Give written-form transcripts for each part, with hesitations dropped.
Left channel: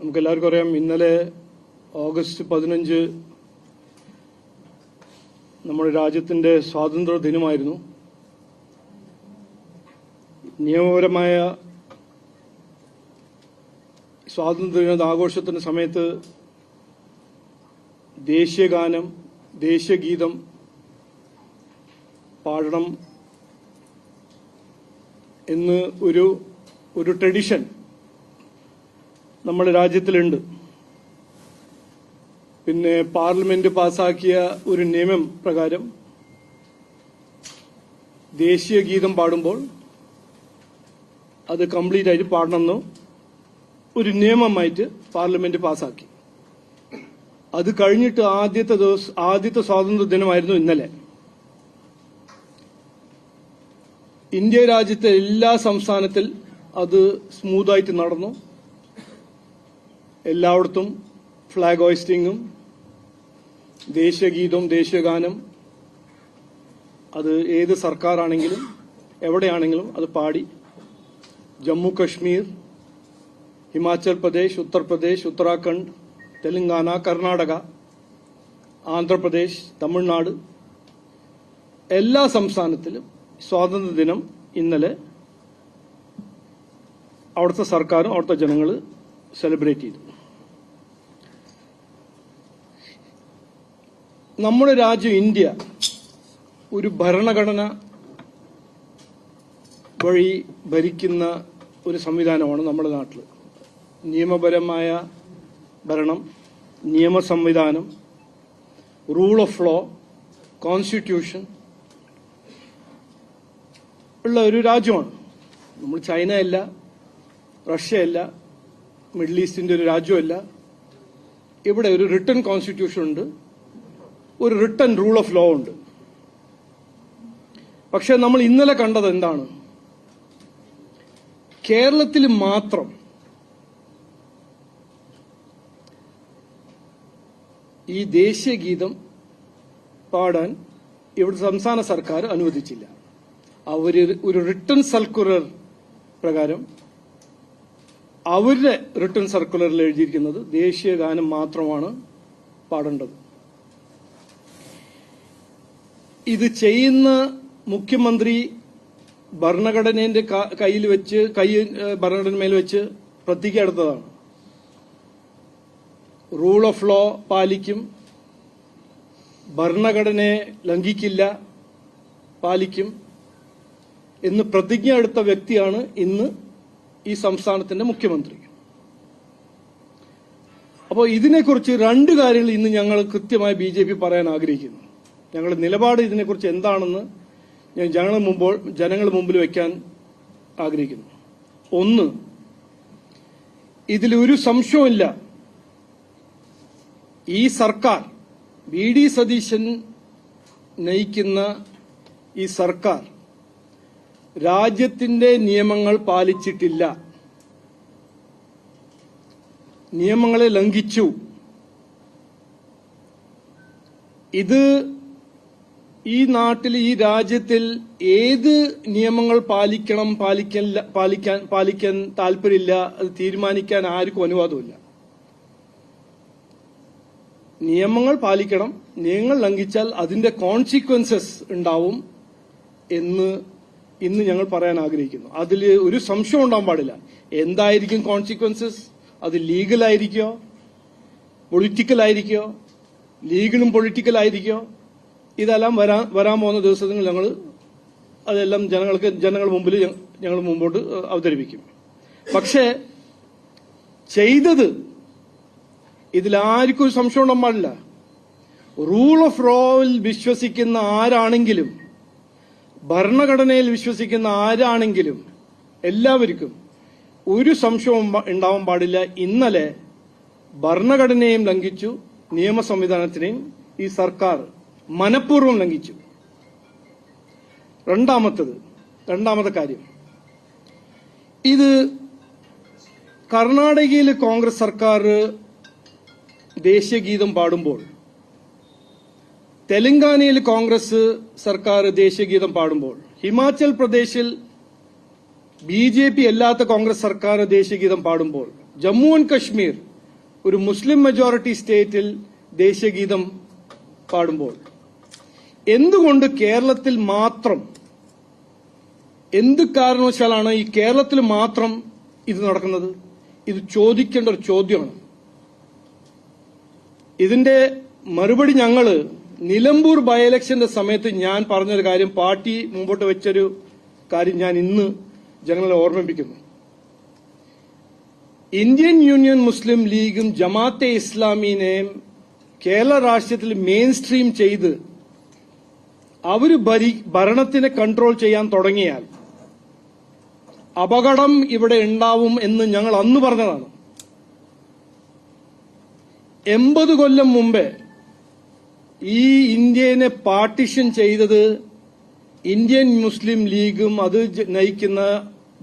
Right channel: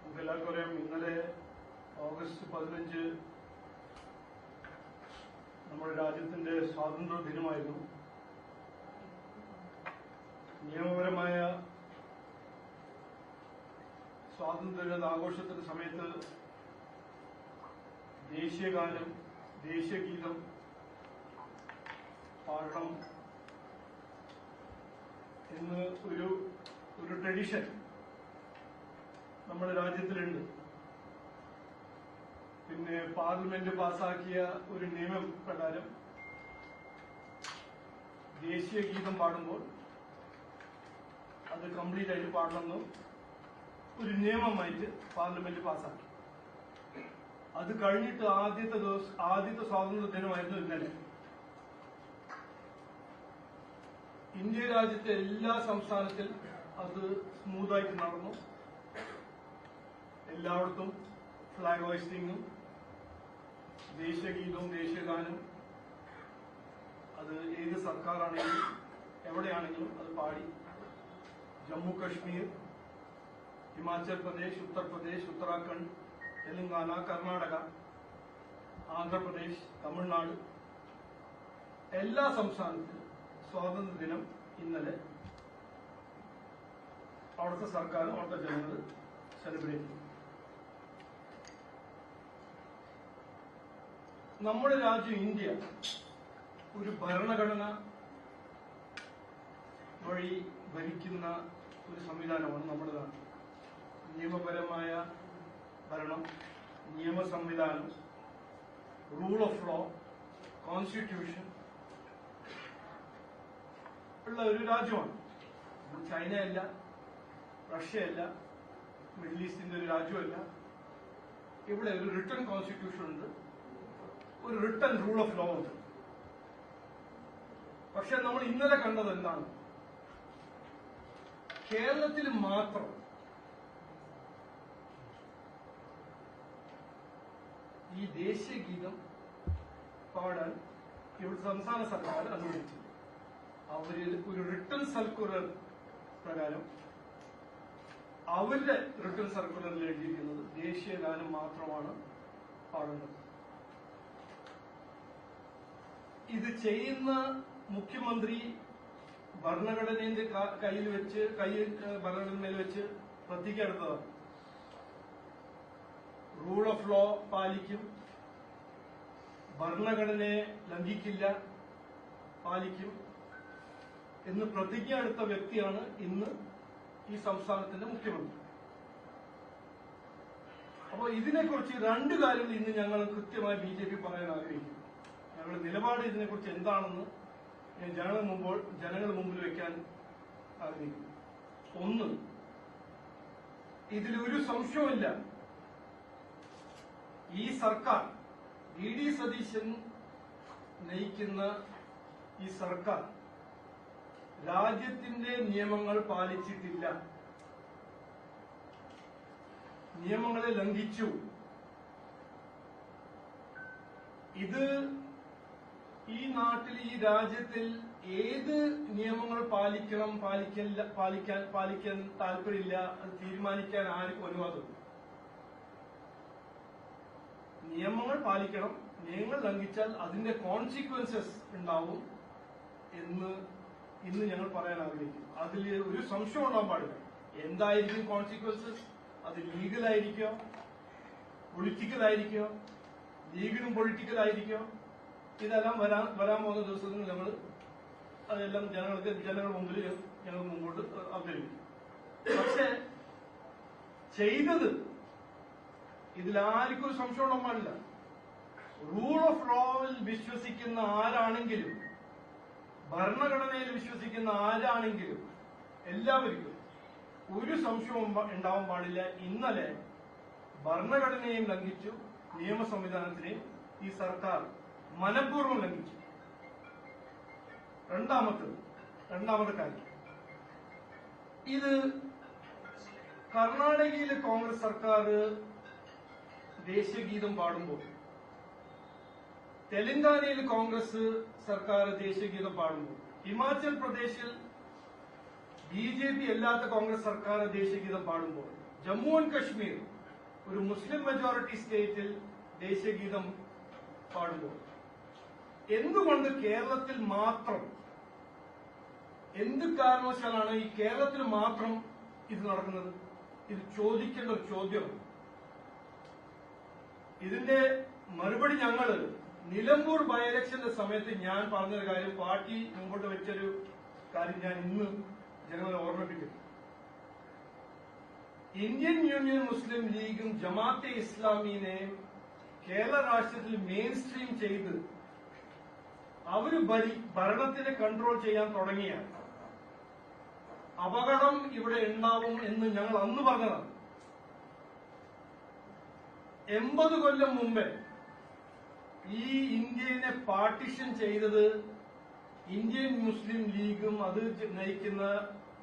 നമുക്കെല്ലാവർക്കും അറിയാം, ഇന്നലെ ഓഗസ്റ്റ് 15 നമ്മുടെ രാജ്യത്തിൻ്റെ സ്വാതന്ത്ര്യ ദിനമായിരുന്നു. നിയമപരമായ സ്വാതന്ത്ര്യദിന ആഘോഷത്തിൻ്റെ സമയത്ത് ദേശീയഗാനം, ദേശീയഗീതം പാടണം എന്ന് ഒരു ട്രഡീഷൻ നമ്മുടെ രാജ്യത്തിലുണ്ട്. പിന്നെ പാർലമെന്റ് പാസാക്കിയ ഒരു നിയമം പ്രകാരം ദേശീയ ഗീതം പാടുമ്പോൾ അത് കംപ്ലീറ്റ് ആയിട്ട് പാടണമെന്ന് ഒരു നിയമമായിട്ട് പാർലമെന്റ് പാസാക്കി. അത് കഴിഞ്ഞിട്ട് ആദ്യത്തെ സ്വാതന്ത്ര്യ ദിനമായിരുന്നു ഇന്നലെ. ഇന്ത്യ രാജ്യത്തെ എല്ലാ സംസ്ഥാനത്തിൽ അത് സ്മൂത്തായിട്ട് നടന്നു. എല്ലായിടത്തും ഫ്ലാഗ് ഹോയിസ്റ്റിങ്ങും ദേശീയഗീതവും ദേശീയഗാനം അത് ഏത് സർക്കാരാണെങ്കിലും എവിടെയാണെങ്കിലും അത് പാടി. ജമ്മു കശ്മീർ, ഹിമാചൽ പ്രദേശ്, ഉത്തർപ്രദേശ്, ഉത്തരാഖണ്ഡ്, തെലങ്കാന, കർണാടക, ആന്ധ്രാപ്രദേശ്, തമിഴ്നാട് എല്ലാ സംസ്ഥാനത്തിലും സ്വാതന്ത്ര്യദിനം ഇന്നലെ അവിടുത്തെ സർക്കാരും അവിടുത്തെ ജനങ്ങൾ സെലിബ്രേറ്റ് ചെയ്തു. നമ്മുടെ രാജ്യം ഇന്ത്യ ഒരു ഭരണഘടന വഴി ഭരിക്കുന്ന ഒരു സംവിധാനമാണ് നമ്മുടെ നാട്ടിൽ. നിയമപരമായ ഭരണം, നിയമ സംവിധാനം, റൂൾ ഓഫ് ലോ, കോൺസ്റ്റിറ്റ്യൂഷൻ ഉള്ള ഒരു രാജ്യമാണ്. നമ്മൾ ചൈനയല്ല, റഷ്യയല്ല, മിഡിൽ ഈസ്റ്റിന്റെ ഒരു രാജ്യമല്ല. ഇവിടെ ഒരു റിട്ടൺ കോൺസ്റ്റിറ്റ്യൂഷൻ ഉണ്ട്, ഒരു റിട്ടൺ റൂൾ ഓഫ് ലോ ഉണ്ട്. പക്ഷെ നമ്മൾ ഇന്നലെ കണ്ടത് എന്താണ്? കേരളത്തിൽ മാത്രം ഈ ദേശീയ ഗീതം പാടാൻ ഇവിടുത്തെ സംസ്ഥാന സർക്കാർ അനുവദിച്ചില്ല. അവര് ഒരു റിട്ടൺ സർക്കുലർ പ്രകാരം അവരുടെ റിട്ടൺ സർക്കുലറിൽ എഴുതിയിരിക്കുന്നത് ദേശീയ ഗാനം മാത്രമാണ് പാടേണ്ടത്. ഇത് ചെയ്യുന്ന മുഖ്യമന്ത്രി ഭരണഘടനയുടെ ഭരണഘടനമേൽ വെച്ച് പ്രതിജ്ഞ എടുത്തതാണ്. റൂൾ ഓഫ് ലോ പാലിക്കും, ഭരണഘടനയെ ലംഘിക്കില്ല, പാലിക്കും എന്ന് പ്രതിജ്ഞ എടുത്ത വ്യക്തിയാണ് ഇന്ന് ഈ സംസ്ഥാനത്തിന്റെ മുഖ്യമന്ത്രി. അപ്പോൾ ഇതിനെക്കുറിച്ച് രണ്ട് കാര്യങ്ങൾ ഇന്ന് ഞങ്ങൾ കൃത്യമായി BJP പറയാൻ ആഗ്രഹിക്കുന്നു. ഞങ്ങളുടെ നിലപാട് ഇതിനെക്കുറിച്ച് എന്താണെന്ന് ഞാൻ ജനങ്ങളുടെ മുമ്പിൽ വയ്ക്കാൻ ആഗ്രഹിക്കുന്നു. ഒന്ന്, ഇതിലൊരു സംശയമില്ല, ഈ സർക്കാർ, VD സതീശൻ നയിക്കുന്ന ഈ സർക്കാർ രാജ്യത്തിന്റെ നിയമങ്ങൾ പാലിച്ചിട്ടില്ല, നിയമങ്ങളെ ലംഘിച്ചു. ഇത് ഈ നാട്ടിൽ, ഈ രാജ്യത്തിൽ ഏത് നിയമങ്ങൾ പാലിക്കാൻ താല്പര്യമില്ല, അത് തീരുമാനിക്കാൻ ആർക്കും അനുവാദമില്ല. നിയമങ്ങൾ പാലിക്കണം, നിയമങ്ങൾ ലംഘിച്ചാൽ അതിന്റെ കോൺസിക്വൻസസ് ഉണ്ടാവും എന്ന് ഇന്ന് ഞങ്ങൾ പറയാൻ ആഗ്രഹിക്കുന്നു. അതിൽ ഒരു സംശയം ഉണ്ടാവാൻ പാടില്ല. എന്തായിരിക്കും കോൺസിക്വൻസസ്? അത് ലീഗലായിരിക്കോ, പൊളിറ്റിക്കലായിരിക്കോ, ലീഗലും പൊളിറ്റിക്കലായിരിക്കോ? ഇതെല്ലാം വരാൻ പോകുന്ന ദിവസങ്ങൾ ഞങ്ങൾ അതെല്ലാം ജനങ്ങളുടെ മുമ്പിൽ ഞങ്ങൾ മുമ്പോട്ട് അവതരിപ്പിക്കും. പക്ഷേ ചെയ്തത് ഇതിലാർക്കും ഒരു സംശയം ഉണ്ടാകാൻ പാടില്ല. റൂൾ ഓഫ് ലോയിൽ വിശ്വസിക്കുന്ന ആരാണെങ്കിലും, ഭരണഘടനയിൽ വിശ്വസിക്കുന്ന ആരാണെങ്കിലും എല്ലാവർക്കും ഒരു സംശയവും ഉണ്ടാവാൻ പാടില്ല. ഇന്നലെ ഭരണഘടനയെയും ലംഘിച്ചു, നിയമ സംവിധാനത്തിനെയും ഈ സർക്കാർ മനഃപൂർവ്വം ലംഘിച്ചു. രണ്ടാമത്തെ കാര്യം, ഇത് കർണാടകയിൽ കോൺഗ്രസ് സർക്കാർ ദേശീയ ഗീതം പാടുമ്പോൾ, തെലങ്കാനയിൽ കോൺഗ്രസ് സർക്കാർ ദേശീയ ഗീതം പാടുമ്പോൾ, ഹിമാചൽ പ്രദേശിൽ BJP അല്ലാത്ത കോൺഗ്രസ് സർക്കാർ ദേശീയ ഗീതം പാടുമ്പോൾ, ജമ്മു ആൻഡ് കശ്മീർ ഒരു മുസ്ലിം മെജോറിറ്റി സ്റ്റേറ്റിൽ ദേശീയഗീതം പാടുമ്പോൾ എന്തുകൊണ്ട് കേരളത്തിൽ മാത്രം, എന്ത് കാരണവശാലാണ് ഈ കേരളത്തിൽ മാത്രം ഇത് നടക്കുന്നത്? ഇത് ചോദിക്കേണ്ട ഒരു ചോദ്യമാണ്. ഇതിന്റെ മറുപടി ഞങ്ങള് നിലമ്പൂർ ബൈ ഇലക്ഷന്റെ സമയത്ത് ഞാൻ പറഞ്ഞൊരു കാര്യം, പാർട്ടി മുമ്പോട്ട് വെച്ചൊരു കാര്യം ഞാൻ ഇന്ന് ജനങ്ങളെ ഓർമ്മിപ്പിക്കുന്നു. ഇന്ത്യൻ യൂണിയൻ മുസ്ലിം ലീഗും ജമാഅത്തെ ഇസ്ലാമിനെയും കേരള രാഷ്ട്രീയത്തിൽ മെയിൻ സ്ട്രീം ചെയ്ത് അവര് ഭരണത്തിനെ കൺട്രോൾ ചെയ്യാൻ തുടങ്ങിയാൽ അപകടം ഇവിടെ ഉണ്ടാവും എന്ന് ഞങ്ങൾ അന്ന് പറഞ്ഞതാണ്. 80 കൊല്ലം മുമ്പേ ഈ ഇന്ത്യനെ പാർട്ടിഷൻ ചെയ്തത് ഇന്ത്യൻ മുസ്ലിം ലീഗും അത് നയിക്കുന്ന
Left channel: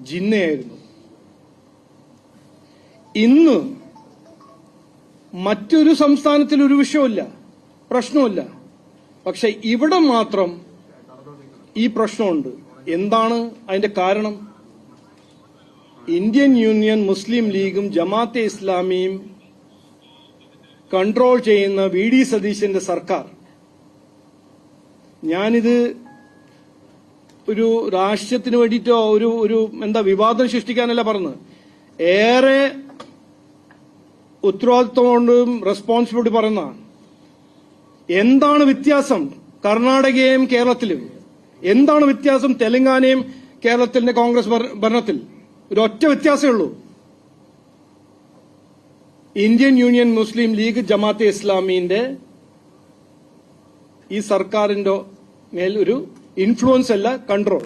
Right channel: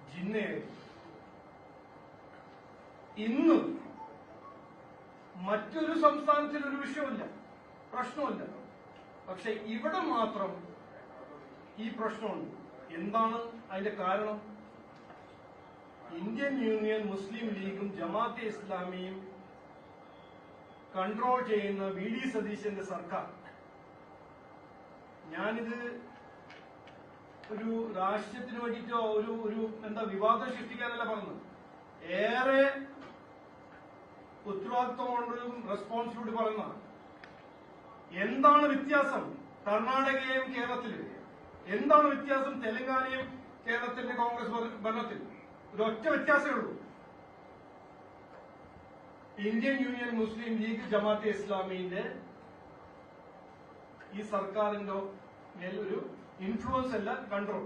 ജിന്നയായിരുന്നു. ഇന്ന് മറ്റൊരു സംസ്ഥാനത്തിൽ ഒരു വിഷയമില്ല, പ്രശ്നമില്ല. പക്ഷെ ഇവിടെ മാത്രം ഈ പ്രശ്നമുണ്ട്. എന്താണ് അതിന്റെ കാരണം? ഇന്ത്യൻ യൂണിയൻ മുസ്ലിം ലീഗും ജമാഅത്തെ ഇസ്ലാമിയും കൺട്രോൾ ചെയ്യുന്ന VD സതീശന്റെ സർക്കാർ. ഞാനിത് ഒരു രാഷ്ട്രീയത്തിന് വേണ്ടിയിട്ടോ ഒരു വിവാദം സൃഷ്ടിക്കാനല്ല പറഞ്ഞത്. ഏറെ ഉത്തരവാദിത്വം കൊണ്ടും റെസ്പോൺസിബിലിറ്റി പറയുന്നതാണ്. എന്താണ് വ്യത്യാസം കർണാടകയും കേരളത്തിലും? എന്താണ് വ്യത്യാസം തെലങ്കാനയും കേരളത്തിന്റെ കോൺഗ്രസ് ഭരണത്തിൽ? ഒരൊറ്റ വ്യത്യാസമേ ഉള്ളൂ. ഇന്ത്യൻ യൂണിയൻ മുസ്ലിം ലീഗ് ജമാഅത്തെ ഇസ്ലാമിന്റെ ഈ സർക്കാരിന്റെ മേൽ ഒരു ഇൻഫ്ലുവൻസ് അല്ല, കൺട്രോൾ.